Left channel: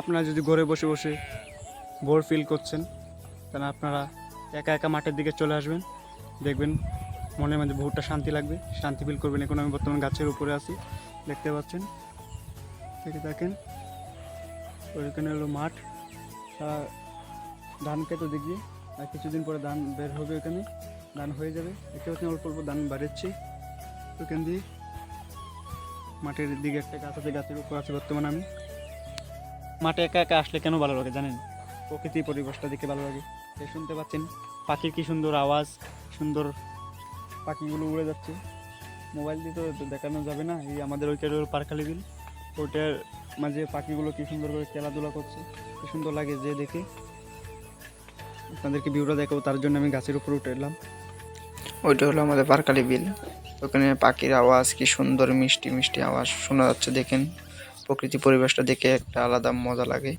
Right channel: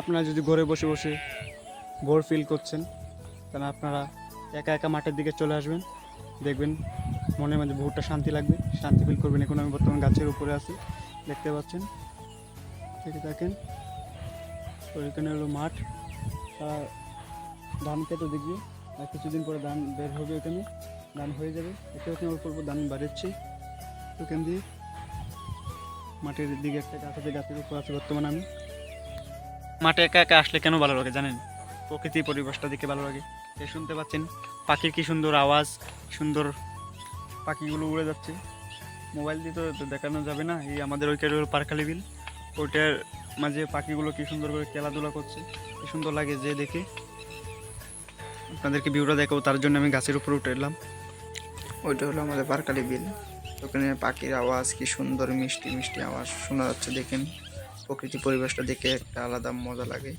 আপনারা যদি ঘরে বসে বসে বোর ফিল করছেন, তাহলে আপনারা একা একা মাঠের দিকে চলে আসবেন। দেখবেন মনের মাঝে বহুটা শান্তি লাগবে। শান্তি ফিল করবেন। এখন আমি বর্তমান গাছের উপরে আছি, দেখতে পাচ্ছেন? দেখে থাকেন ওইখানে হলো মাঠ। সারা ধান খেতে দেখবি, আর কিছুদিন পরে ধান বের হবে ওখানে ধান হয়ে যাবে। দেখতে পাচ্ছেন, অল্প অল্প ধান বাড়াচ্ছি। ওখান দিয়ে মাঠের দিকে একটা গাছ আছে, গাছের উপর আছে বর্তমানে আমি। মাঠে একা একা আসলে কেন ভালো লাগে জানেন? প্রকৃতি পরিবেশটা দেখে ভালো লাগে। এই শুনতে পাচ্ছেন, পাখির কি সুন্দর আওয়াজ, সুন্দর পাখিগুলো উড়ে যাচ্ছে। মোবাইল দিয়ে তো দেখানো যাবে না, এই আমাদের ওই হলো পারখালি বিল। ওইটার মাঝে পাখিগুলো কি সুন্দর করে খেলাধুলা করছে, কি সুন্দর লাগে যে দেখে। আপনাদেরকে ভিউটা দেখাবো, তার জন্য আমি গাছের উপরে উঠে এলাম। ওইটা হলো আমাদের বারকালি বিল। ওখানে পাখির আওয়াজ, কি সুন্দর মিষ্টি মিষ্টি আওয়াজ, শোনা যাচ্ছে দেখেন। প্রকৃতি পরিবেশটা দেখে একটা আলাদা মজা লাগে।